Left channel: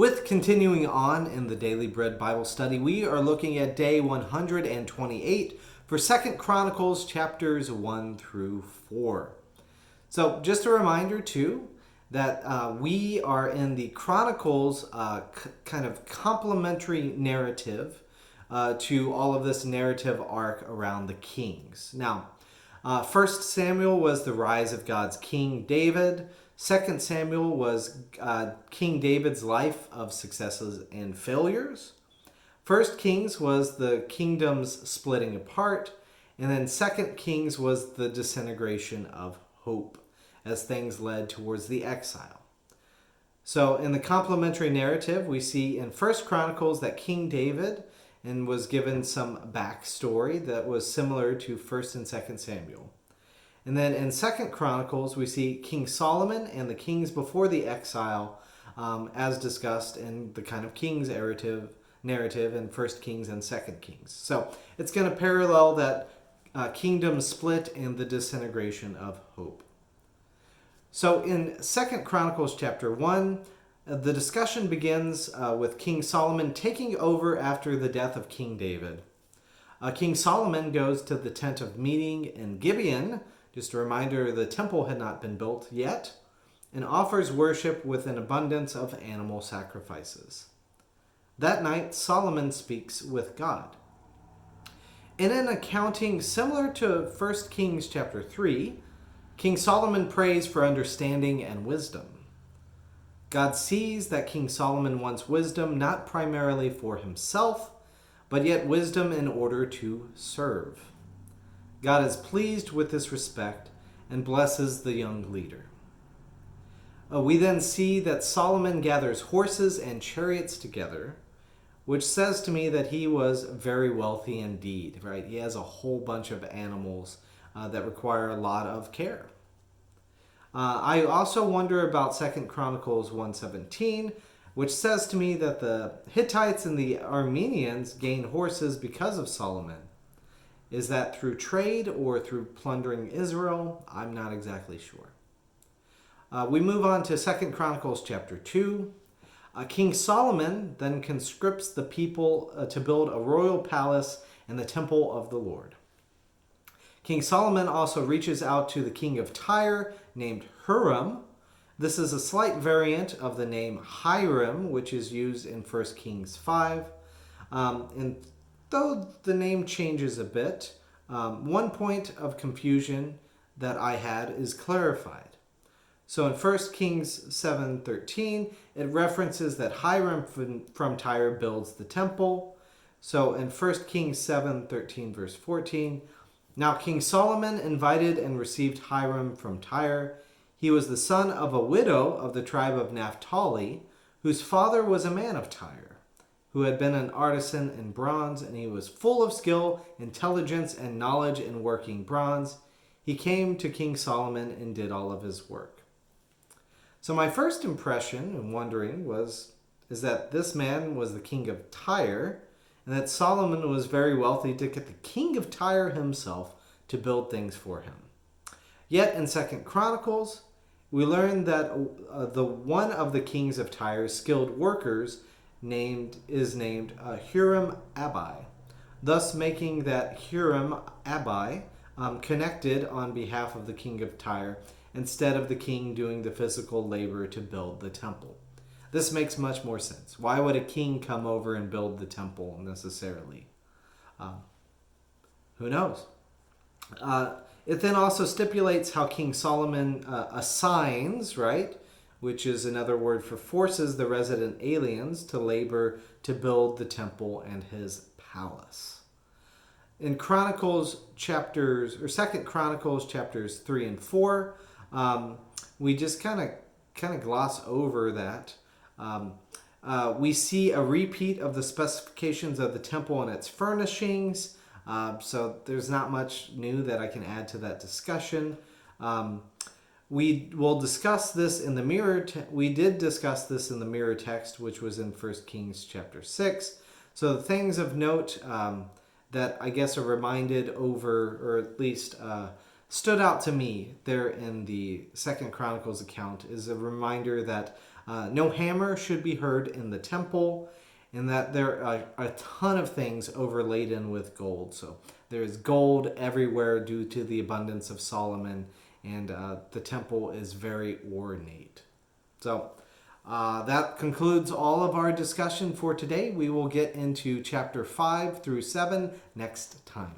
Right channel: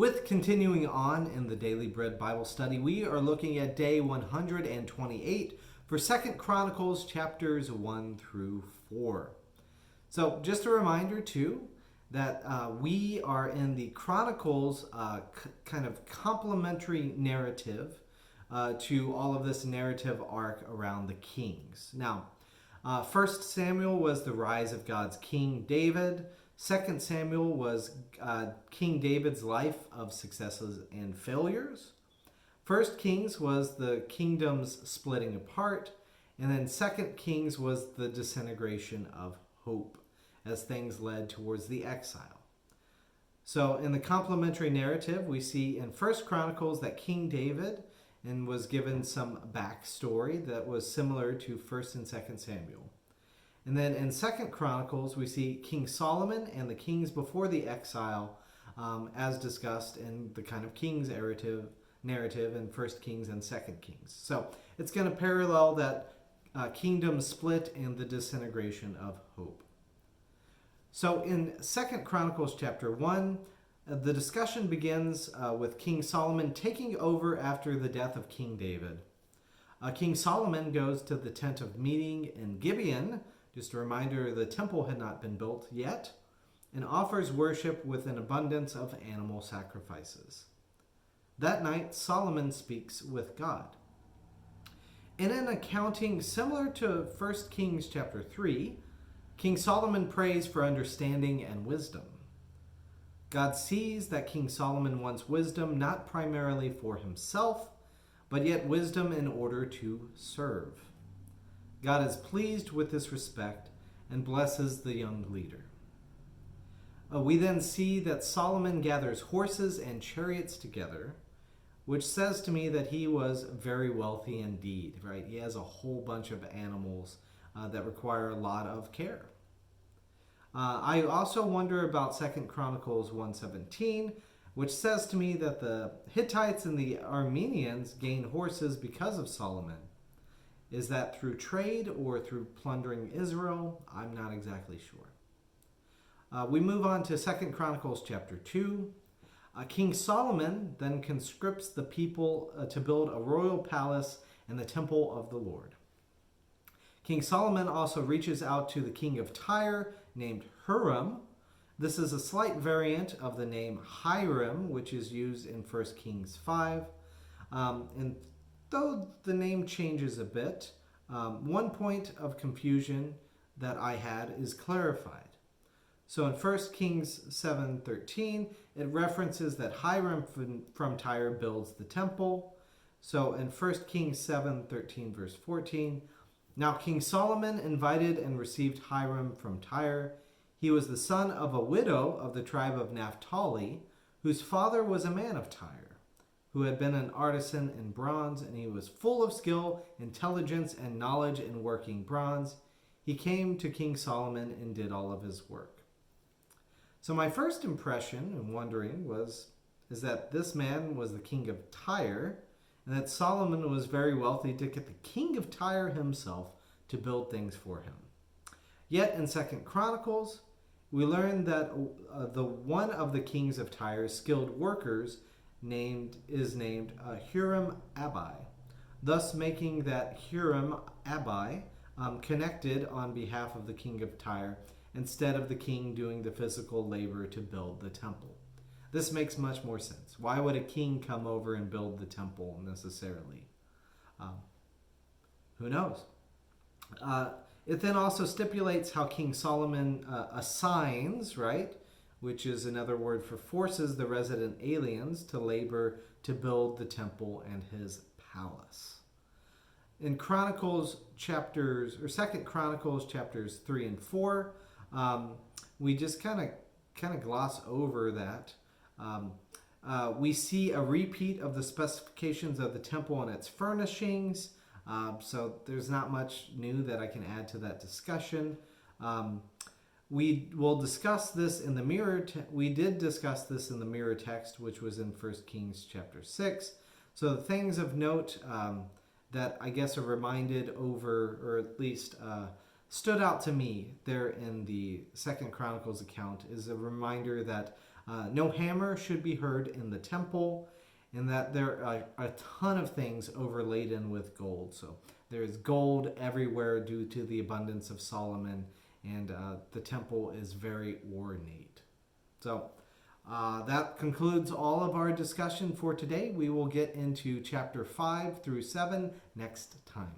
With continuing on in the Daily Bread Bible study, we are looking at day 128 for 2 Chronicles chapters 1 through 4. So just a reminder too that we are in the Chronicles kind of complementary narrative to all of this narrative arc around the kings. Now, 1 Samuel was the rise of God's King David. 2 Samuel was King David's life of successes and failures. 1 Kings was the kingdom's splitting apart. And then 2 Kings was the disintegration of hope as things led towards the exile. So in the complementary narrative, we see in 1 Chronicles that King David and was given some backstory that was similar to 1 and 2 Samuel. And then in 2 Chronicles, we see King Solomon and the kings before the exile, as discussed in the kind of king's narrative in 1 Kings and 2 Kings. So it's going to parallel that kingdom split and the disintegration of hope. So in 2 Chronicles chapter 1, the discussion begins with King Solomon taking over after the death of King David. King Solomon goes to the tent of meeting in Gibeon. Just a reminder, the temple had not been built yet, and offers worship with an abundance of animal sacrifices. That night, Solomon speaks with God. In an accounting similar to 1 Kings chapter 3, King Solomon prays for understanding and wisdom. God sees that King Solomon wants wisdom not primarily for himself, but yet wisdom in order to serve. God is pleased with this respect and blesses the young leader. We then see that Solomon gathers horses and chariots together, which says to me that he was very wealthy indeed, right? He has a whole bunch of animals that require a lot of care. I also wonder about 2 Chronicles 1:17, which says to me that the Hittites and the Arameans gained horses because of Solomon. Is that through trade or through plundering Israel? I'm not exactly sure. We move on to 2 Chronicles chapter 2. King Solomon then conscripts the people to build a royal palace in the temple of the Lord. King Solomon also reaches out to the king of Tyre named Huram. This is a slight variant of the name Hiram, which is used in 1 Kings 5. And though the name changes a bit, one point of confusion that I had is clarified. So in 1 Kings 7:13, it references that Hiram from Tyre builds the temple. So in 1 Kings 7:13 verse 14, now King Solomon invited and received Hiram from Tyre. He was the son of a widow of the tribe of Naphtali, whose father was a man of Tyre, who had been an artisan in bronze, and he was full of skill, intelligence, and knowledge in working bronze. He came to King Solomon and did all of his work. So my first impression and wondering is that this man was the king of Tyre, and that Solomon was very wealthy to get the king of Tyre himself to build things for him. Yet in 2 Chronicles, we learn that the one of the kings of Tyre's skilled workers is named Huram Abi, thus making that Huram Abi connected on behalf of the king of Tyre instead of the king doing the physical labor to build the temple. This makes much more sense. Why would a king come over and build the temple necessarily? Who knows? It then also stipulates how King Solomon assigns, right, which is another word for forces the resident aliens to labor to build the temple and his palace. In 2 Chronicles chapters 3 and 4, we just kind of gloss over that. We see a repeat of the specifications of the temple and its furnishings. So there's not much new that I can add to that discussion. We will discuss this in the mirror. We did discuss this in the mirror text, which was in 1 Kings chapter 6. So the things of note that I guess are reminded over, or at least stood out to me there in the 2 Chronicles account is a reminder that No hammer should be heard in the temple, and that there are a ton of things overladen with gold. So there's gold everywhere due to the abundance of Solomon, and the temple is very ornate. So that concludes all of our discussion for today. We will get into chapter 5 through 7 next time.